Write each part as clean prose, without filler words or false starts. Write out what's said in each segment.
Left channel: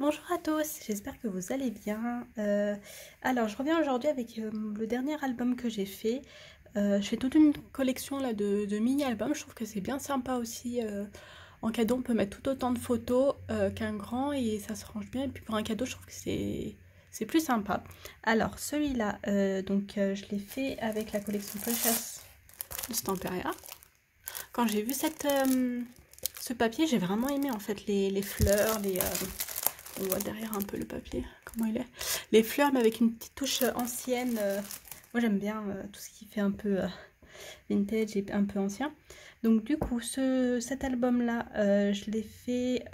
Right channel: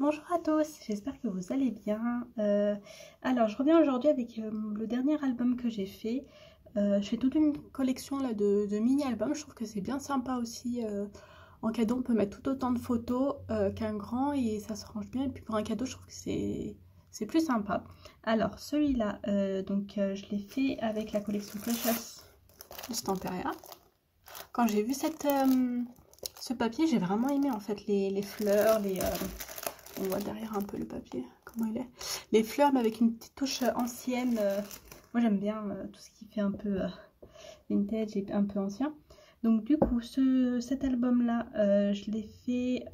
Bonjour à tous, j'espère que vous allez bien. Alors, je reviens aujourd'hui avec le dernier album que j'ai fait. Je fais toute une collection là, de mini-albums. Je trouve que c'est bien sympa aussi. En cadeau, on peut mettre tout autant de photos qu'un grand et ça se range bien. Et puis pour un cadeau, je trouve que c'est plus sympa. Alors, celui-là, je l'ai fait avec la collection Precious de Stamperia. Quand j'ai vu ce papier, j'ai vraiment aimé en fait les fleurs, on voit derrière un peu le papier, comment il est. Les fleurs, mais avec une petite touche ancienne. Moi, j'aime bien tout ce qui fait un peu vintage et un peu ancien. Donc, du coup, cet album-là, je l'ai fait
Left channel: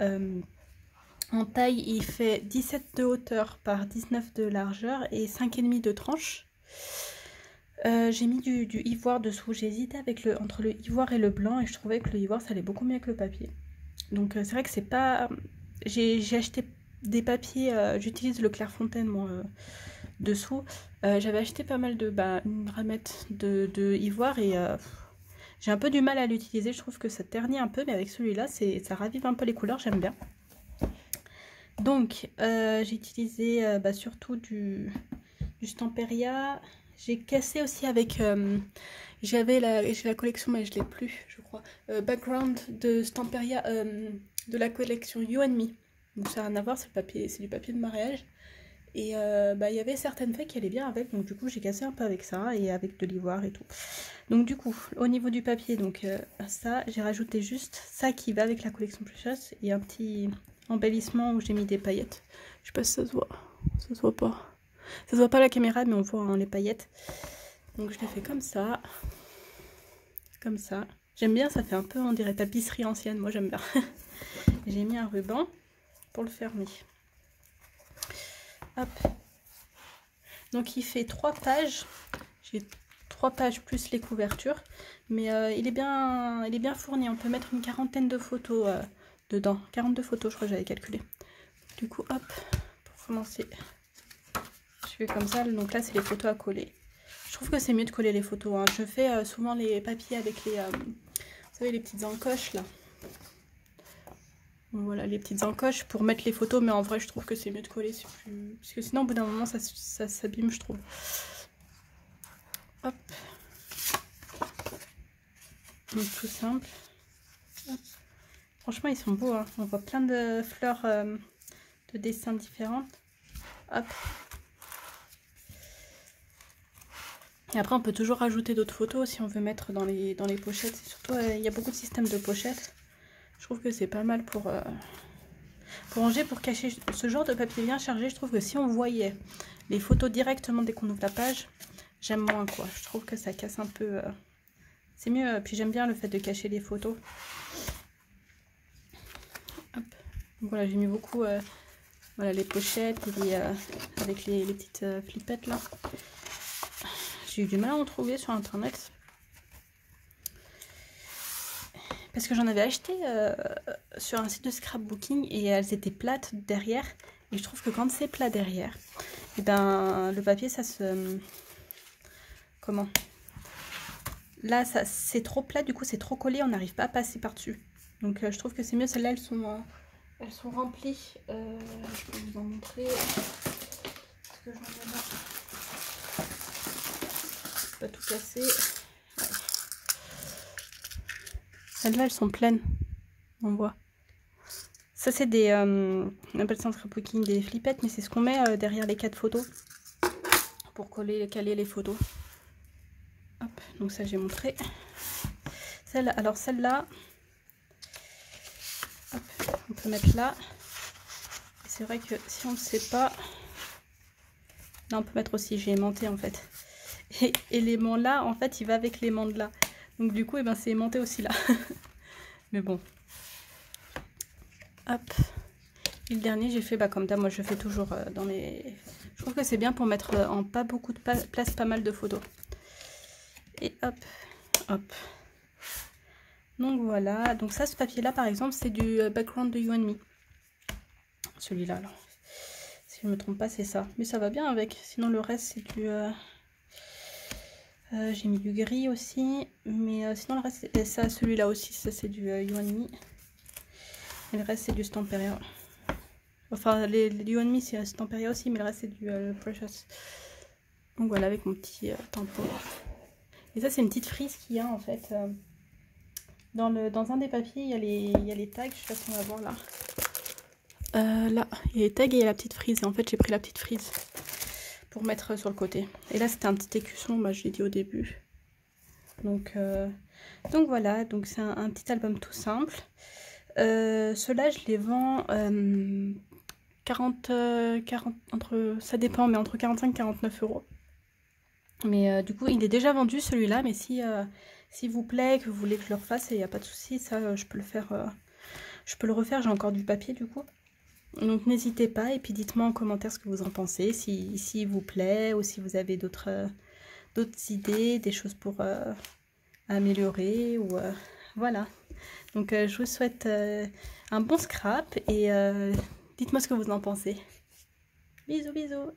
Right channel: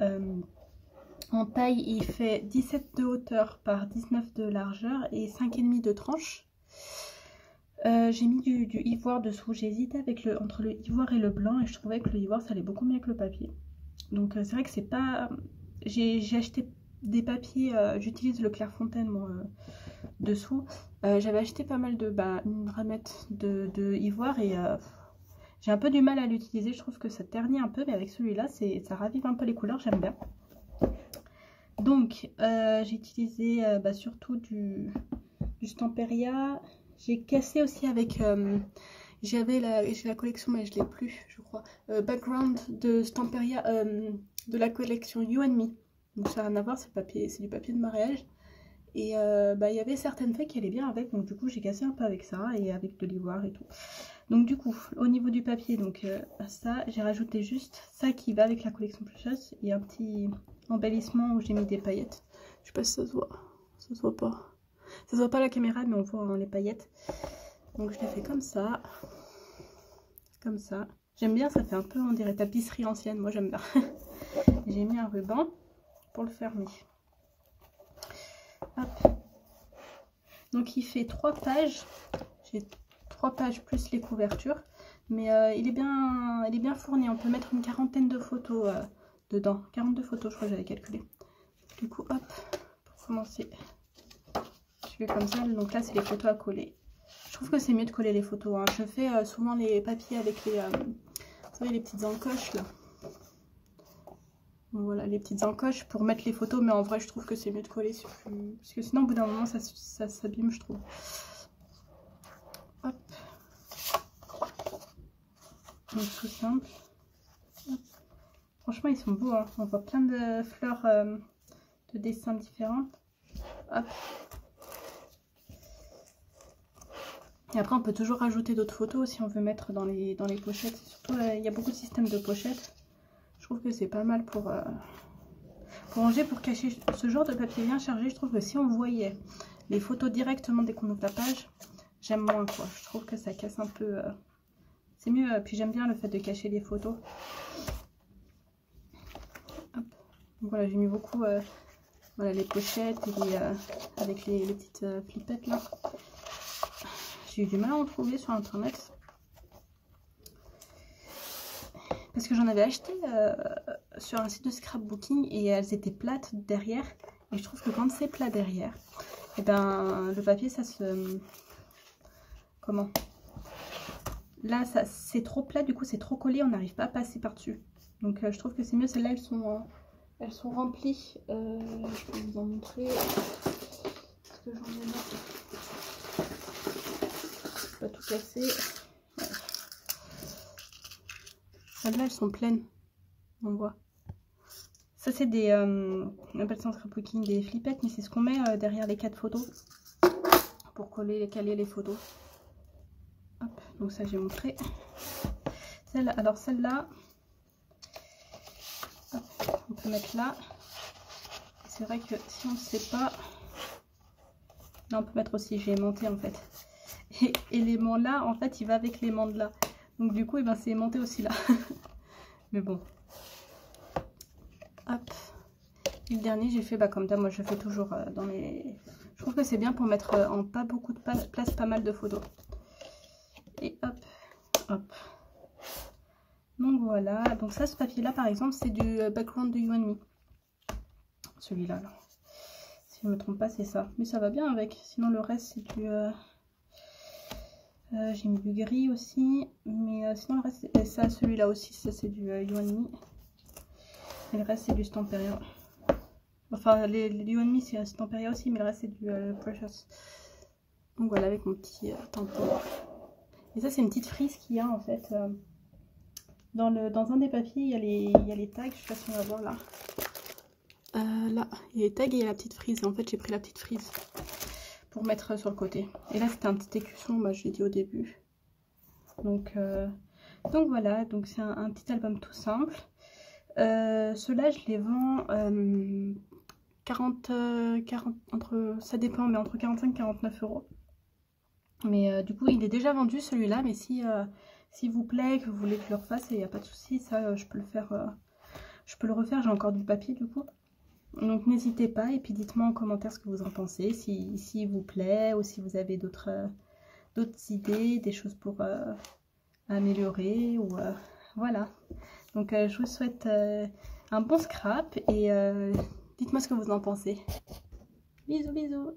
en taille. Il fait 17 de hauteur par 19 de largeur et 5,5 de tranche. J'ai mis du ivoire dessous. J'ai hésité entre le ivoire et le blanc et je trouvais que le ivoire, ça allait beaucoup mieux que le papier. Donc, c'est vrai que c'est pas... J'ai acheté des papiers, j'utilise le Clairefontaine moi dessous. J'avais acheté pas mal une ramette de ivoire et j'ai un peu du mal à l'utiliser. Je trouve que ça ternit un peu, mais avec celui-là, ça ravive un peu les couleurs, j'aime bien. Donc j'ai utilisé surtout du Stamperia. J'ai cassé aussi avec... j'ai la collection, mais je l'ai plus, je crois. Background de Stamperia, de la collection You and Me. Donc ça n'a rien à voir, c'est du papier de mariage. Et il y avait certaines feuilles qui allaient bien avec, donc du coup j'ai cassé un peu avec ça et avec de l'ivoire et tout. Donc du coup, au niveau du papier, donc ça, j'ai rajouté juste ça qui va avec la collection Precious et un petit embellissement où j'ai mis des paillettes. Je sais pas si ça se voit, ça se voit pas. Ça se voit pas à la caméra, mais on voit hein, les paillettes. Donc je l'ai fait comme ça. Comme ça. J'aime bien, ça fait un peu, on dirait tapisserie ancienne, moi j'aime bien. J'ai mis un ruban pour le fermer. Hop. Donc il fait 3 pages. J'ai 3 pages plus les couvertures. Mais il est bien fourni. On peut mettre une quarantaine de photos dedans. 42 photos, je crois que j'avais calculé. Du coup, hop, pour commencer, je fais comme ça. Donc là, c'est les photos à coller. Je trouve que c'est mieux de coller les photos. Hein. Je fais souvent les papiers avec vous savez, les petites encoches là. Donc, voilà, les petites encoches pour mettre les photos. Mais en vrai, je trouve que c'est mieux de coller. Parce que sinon, au bout d'un moment, ça s'abîme, je trouve. Hop. Donc tout simple. Hop. Franchement, ils sont beaux. Hein. On voit plein de fleurs de dessins différents. Hop. Et après, on peut toujours rajouter d'autres photos si on veut mettre dans les pochettes. Surtout, il y a beaucoup de systèmes de pochettes. Je trouve que c'est pas mal pour ranger, pour cacher ce genre de papier bien chargé. Je trouve que si on voyait les photos directement dès qu'on ouvre la page, j'aime moins quoi. Je trouve que ça casse un peu. C'est mieux. Puis j'aime bien le fait de cacher les photos. Hop. Donc voilà, j'ai mis beaucoup voilà, les pochettes avec les petites flippettes là. J'ai eu du mal à en trouver sur internet. Parce que j'en avais acheté sur un site de scrapbooking et elles étaient plates derrière. Et je trouve que quand c'est plat derrière, et ben le papier ça se... Comment? Là c'est trop plat, du coup c'est trop collé, on n'arrive pas à passer par-dessus. Donc je trouve que c'est mieux, celles-là elles sont remplies. Je peux vous en montrer. Parce que j'en ai marre. Pas tout casser. Ouais. Celles-là elles sont pleines, on voit. Ça c'est des, on appelle ça en scrapbooking des flippettes, mais c'est ce qu'on met derrière les 4 photos pour caler les photos. Hop, donc ça j'ai montré. Alors celle-là, on peut mettre là. C'est vrai que si on ne sait pas, là on peut mettre aussi, j'ai aimanté en fait. Et l'aimant là, en fait, il va avec l'aimant de là. Donc du coup, c'est aimanté aussi là. Mais bon. Hop. Et le dernier, j'ai fait comme d'hab, moi je fais toujours dans mes... Je trouve que c'est bien pour mettre en pas beaucoup de place, pas mal de photos. Et hop, hop. Donc voilà, donc ça, ce papier-là, par exemple, c'est du background de You and Me. Celui-là, alors. Si je ne me trompe pas, c'est ça. Mais ça va bien avec. Sinon, le reste, c'est du... j'ai mis du gris aussi. Mais sinon, le reste, c'est ça, celui-là aussi, ça, c'est du You and Me. Et le reste, c'est du Stamperia. Enfin, les You and Me, c'est Temperia aussi, mais le reste, c'est du Precious. Donc voilà, avec mon petit tampon. Et ça, c'est une petite frise qu'il y a en fait. Dans un des papiers, il y a les tags, je sais pas si on va voir là. Là, il y a les tags et il y a la petite frise. Et en fait, j'ai pris la petite frise pour mettre sur le côté. Et là, c'était un petit écusson, je l'ai dit au début. Donc voilà, donc c'est un petit album tout simple. Ceux-là, je les vends 40, ça dépend, mais entre 45 et 49 euros. Mais du coup, il est déjà vendu celui-là, mais s'il vous plaît, que vous voulez que je le refasse, il n'y a pas de souci, ça je peux le faire, je peux le refaire, j'ai encore du papier du coup. Donc n'hésitez pas et puis dites-moi en commentaire ce que vous en pensez, s'il vous plaît ou si vous avez d'autres idées, des choses pour améliorer ou voilà. Donc je vous souhaite un bon scrap et dites-moi ce que vous en pensez. Bisous bisous.